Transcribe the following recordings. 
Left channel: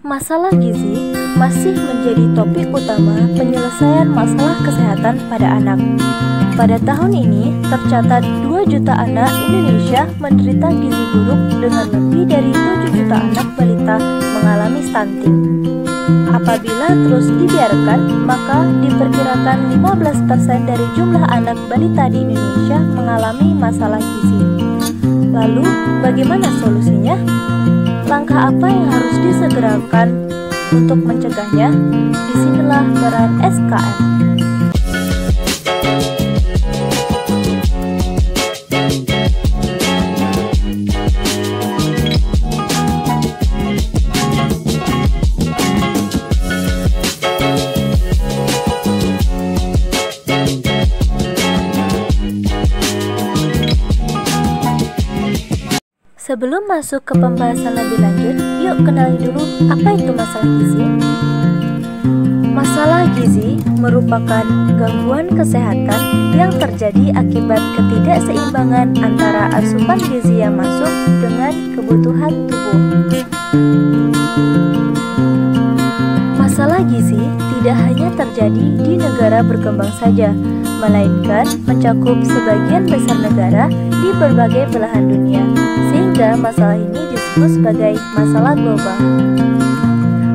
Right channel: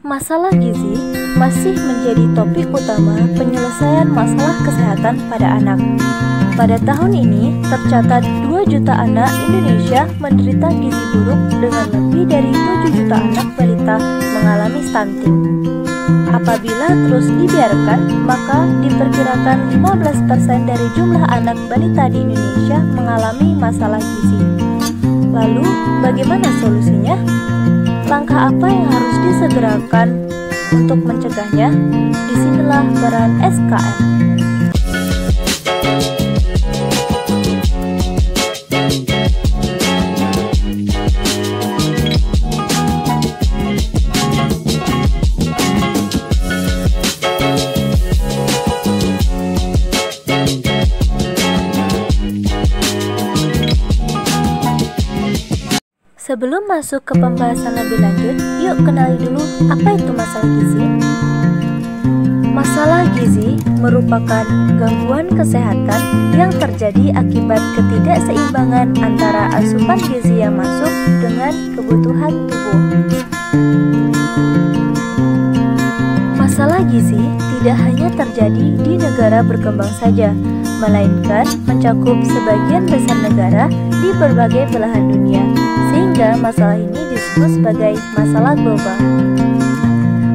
Masalah gizi masih menjadi topik utama penyelesaian masalah kesehatan pada anak. Pada tahun ini, tercatat 2 juta anak Indonesia menderita gizi buruk dengan lebih dari 7 juta anak balita mengalami stunting. Apabila terus dibiarkan, maka diperkirakan 15% dari jumlah anak balita di Indonesia mengalami masalah gizi. Lalu, bagaimana solusinya? Langkah apa yang harus disegerakan untuk mencegahnya? Disinilah peran SKM. Sebelum masuk ke pembahasan lebih lanjut, yuk kenali dulu apa itu masalah gizi. Masalah gizi merupakan gangguan kesehatan yang terjadi akibat ketidakseimbangan antara asupan gizi yang masuk dengan kebutuhan tubuh. Masalah gizi tidak hanya terjadi di negara berkembang saja, melainkan mencakup sebagian besar negara di berbagai belahan dunia. Sehingga masalah ini disebut sebagai masalah global.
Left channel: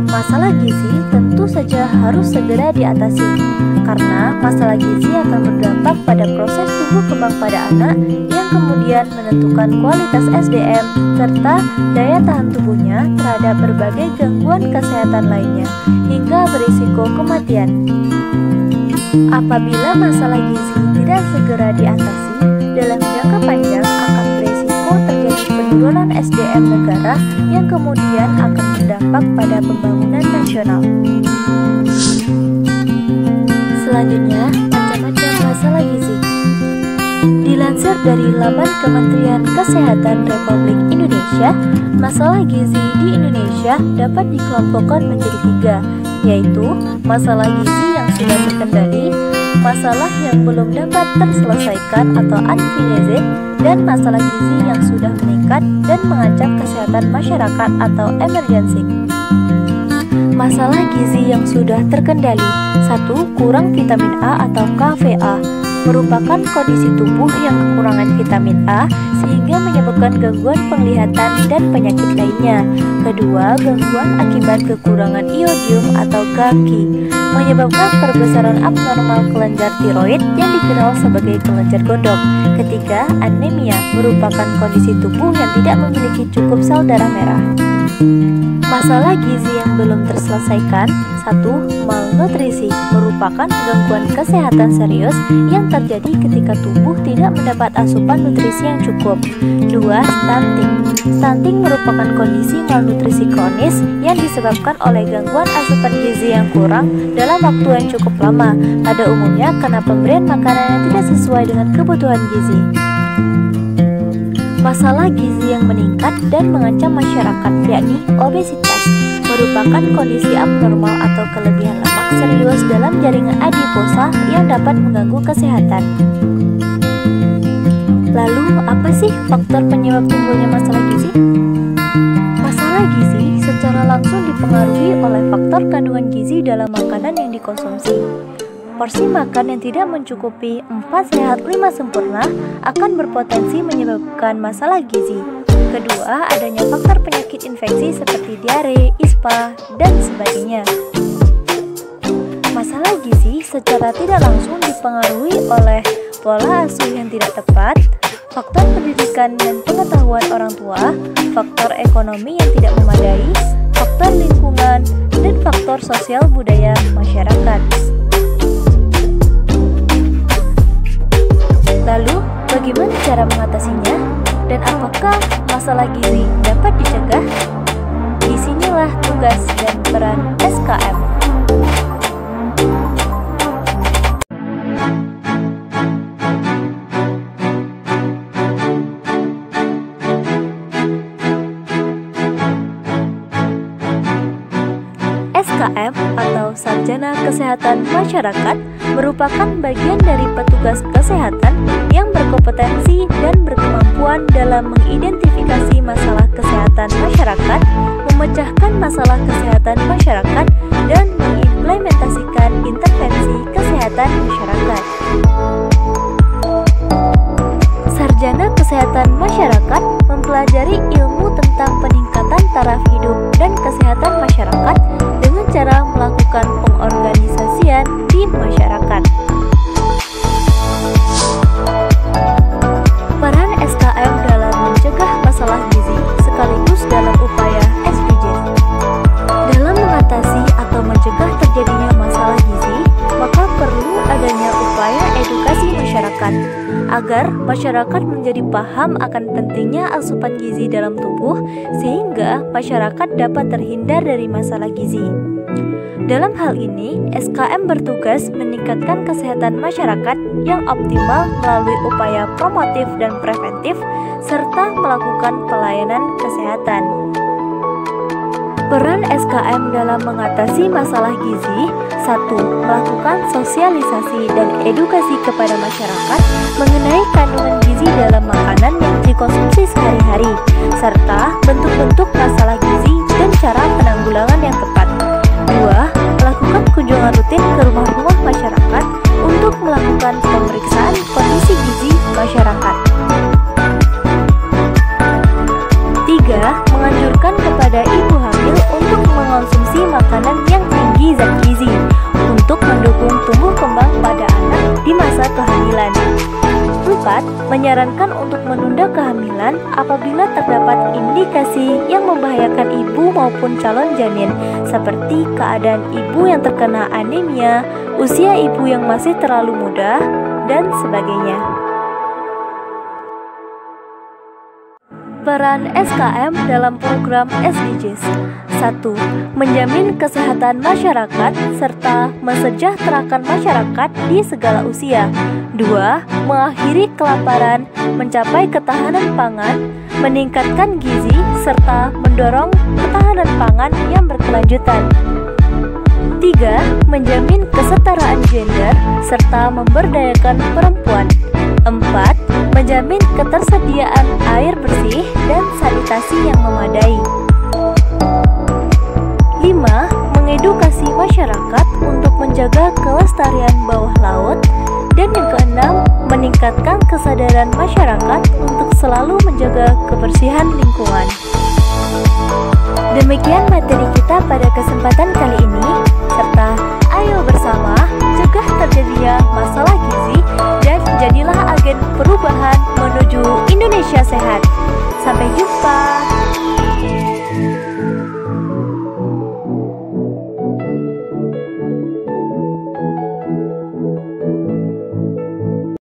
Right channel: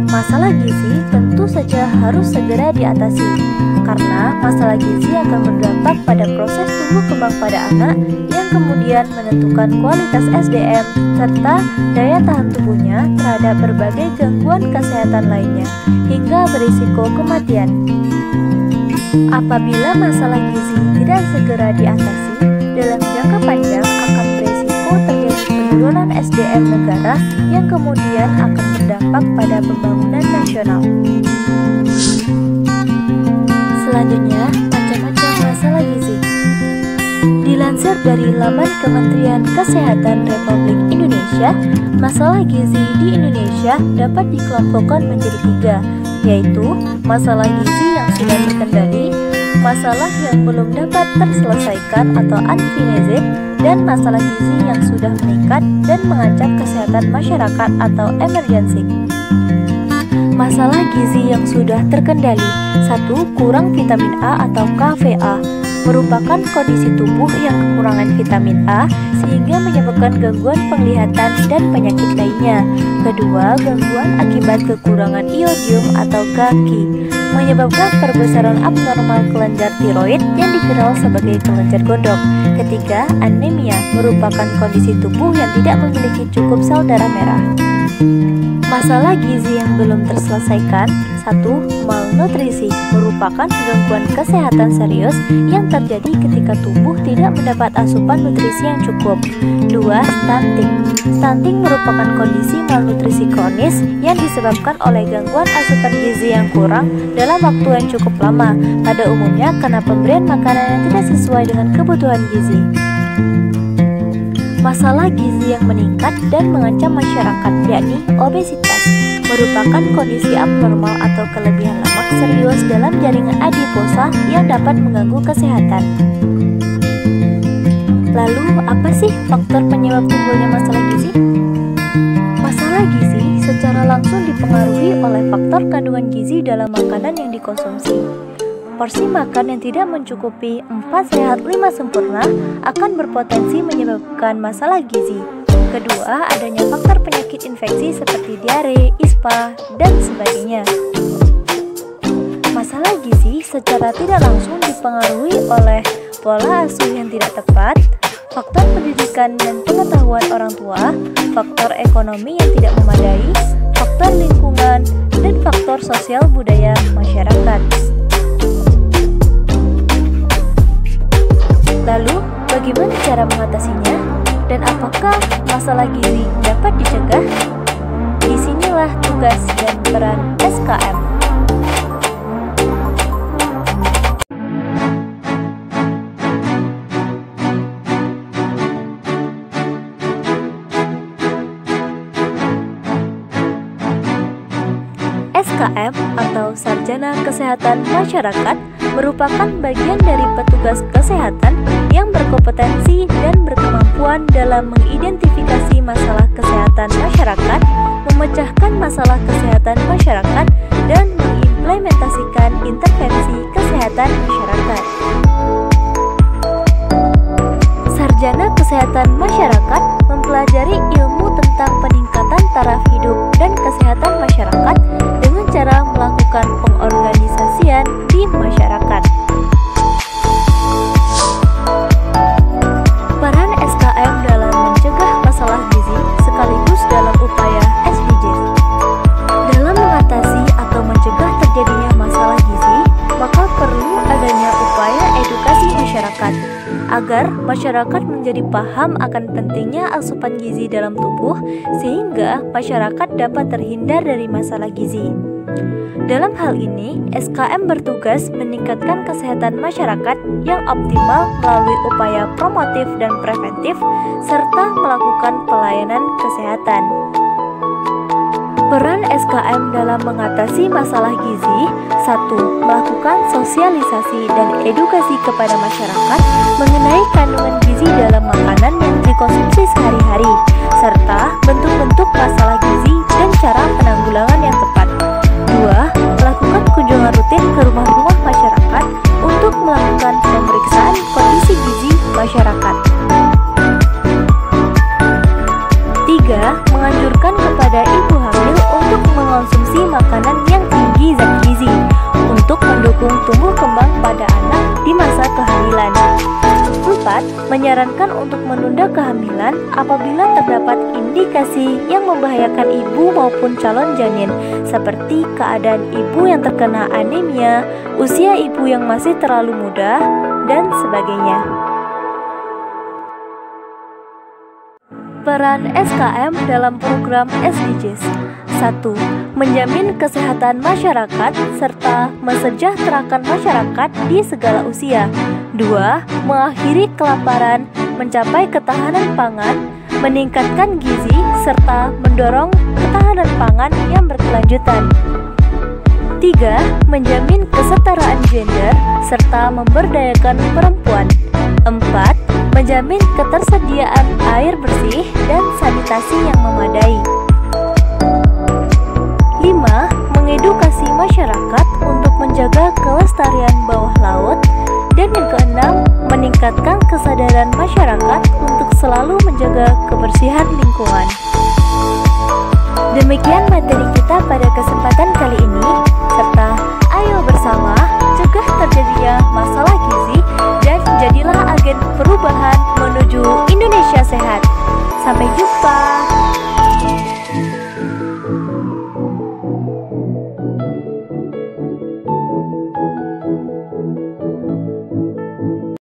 Masalah gizi tentu saja harus segera diatasi, karena masalah gizi akan berdampak pada proses tumbuh kembang pada anak yang kemudian menentukan kualitas SDM serta daya tahan tubuhnya terhadap berbagai gangguan kesehatan lainnya, hingga berisiko kematian. Apabila masalah gizi tidak segera diatasi, dalam jangka panjang akan beresiko terjadi penurunan SDM negara yang kemudian akan berdampak pada pembangunan nasional. Selanjutnya, macam-macam masalah gizi. Dilansir dari laman Kementerian Kesehatan Republik Indonesia, masalah gizi di Indonesia dapat dikelompokkan menjadi 3, yaitu masalah gizi yang sudah terkendali, masalah yang belum dapat terselesaikan atau unfinished, dan masalah gizi yang sudah meningkat dan mengancam kesehatan masyarakat atau emergency. Masalah gizi yang sudah terkendali. 1. Kurang vitamin A atau KVA merupakan kondisi tubuh yang kekurangan vitamin A sehingga menyebabkan gangguan penglihatan dan penyakit lainnya. Kedua, gangguan akibat kekurangan iodium atau GAKI menyebabkan perbesaran abnormal kelenjar tiroid yang dikenal sebagai kelenjar gondok. Ketiga, anemia merupakan kondisi tubuh yang tidak memiliki cukup sel darah merah. Masalah gizi yang belum terselesaikan. 1. Malnutrisi merupakan gangguan kesehatan serius yang terjadi ketika tubuh tidak mendapat asupan nutrisi yang cukup. 2. Stunting. Stunting merupakan kondisi malnutrisi kronis yang disebabkan oleh gangguan asupan gizi yang kurang dalam waktu yang cukup lama, pada umumnya karena pemberian makanan yang tidak sesuai dengan kebutuhan gizi. Masalah gizi yang meningkat dan mengancam masyarakat, yakni obesitas, merupakan kondisi abnormal atau kelebihan lemak serius dalam jaringan adiposa yang dapat mengganggu kesehatan. Lalu, apa sih faktor penyebab timbulnya masalah gizi? Masalah gizi secara langsung dipengaruhi oleh faktor kandungan gizi dalam makanan yang dikonsumsi. Porsi makan yang tidak mencukupi 4 sehat 5 sempurna akan berpotensi menyebabkan masalah gizi. Kedua, adanya faktor penyakit infeksi seperti diare, ispa, dan sebagainya. Masalah gizi secara tidak langsung dipengaruhi oleh pola asuh yang tidak tepat, faktor pendidikan dan pengetahuan orang tua, faktor ekonomi yang tidak memadai, faktor lingkungan, dan faktor sosial budaya masyarakat. Lalu, bagaimana cara mengatasinya? Dan apakah masalah gizi dapat dicegah? Disinilah tugas dan peran SKM. SKM atau Sarjana Kesehatan Masyarakat merupakan bagian dari petugas kesehatan yang berkompetensi dan berkemampuan dalam mengidentifikasi masalah kesehatan masyarakat, memecahkan masalah kesehatan masyarakat, dan mengimplementasikan intervensi kesehatan masyarakat. Sarjana Kesehatan Masyarakat mempelajari ilmu tentang peningkatan taraf hidup dan kesehatan masyarakat dengan cara melakukan pengorganisasian di masyarakat. Peran SKM dalam mencegah masalah gizi sekaligus dalam upaya SDGs. Dalam mengatasi atau mencegah terjadinya masalah gizi, maka perlu adanya upaya edukasi masyarakat agar masyarakat menjadi paham akan pentingnya asupan gizi dalam tubuh sehingga masyarakat dapat terhindar dari masalah gizi. Dalam hal ini, SKM bertugas meningkatkan kesehatan masyarakat yang optimal melalui upaya promotif dan preventif serta melakukan pelayanan kesehatan. Peran SKM dalam mengatasi masalah gizi: 1. Melakukan sosialisasi dan edukasi kepada masyarakat mengenai kandungan gizi dalam makanan yang dikonsumsi sehari-hari, serta bentuk-bentuk masalah gizi dan cara penanggulangan yang tepat. 2. Melakukan kunjungan rutin ke rumah-rumah masyarakat untuk melakukan pemeriksaan kondisi gizi masyarakat. 3. Menganjurkan kepada ibu hamil untuk mengonsumsi makanan yang tinggi zat gizi untuk mendukung tumbuh kembang pada anak di masa kehamilan. 4. Menyarankan untuk menunda kehamilan apabila terdapat indikasi yang membahayakan ibu maupun calon janin, seperti keadaan ibu yang terkena anemia, usia ibu yang masih terlalu muda, dan sebagainya. Peran SKM dalam program SDGs: 1. Menjamin kesehatan masyarakat serta mensejahterakan masyarakat di segala usia. 2. Mengakhiri kelaparan, mencapai ketahanan pangan, meningkatkan gizi, serta mendorong ketahanan pangan yang berkelanjutan. 3. Menjamin kesetaraan gender serta memberdayakan perempuan. 4. Menjamin ketersediaan air bersih dan sanitasi yang memadai. 5. Mengedukasi masyarakat untuk menjaga kelestarian bawah laut. Dan yang keenam, meningkatkan kesadaran masyarakat untuk selalu menjaga kebersihan lingkungan. Demikian materi kita pada kesempatan kali ini, serta ayo bersama cegah terjadinya masalah gizi dan jadilah agen perubahan menuju Indonesia sehat. Sampai jumpa.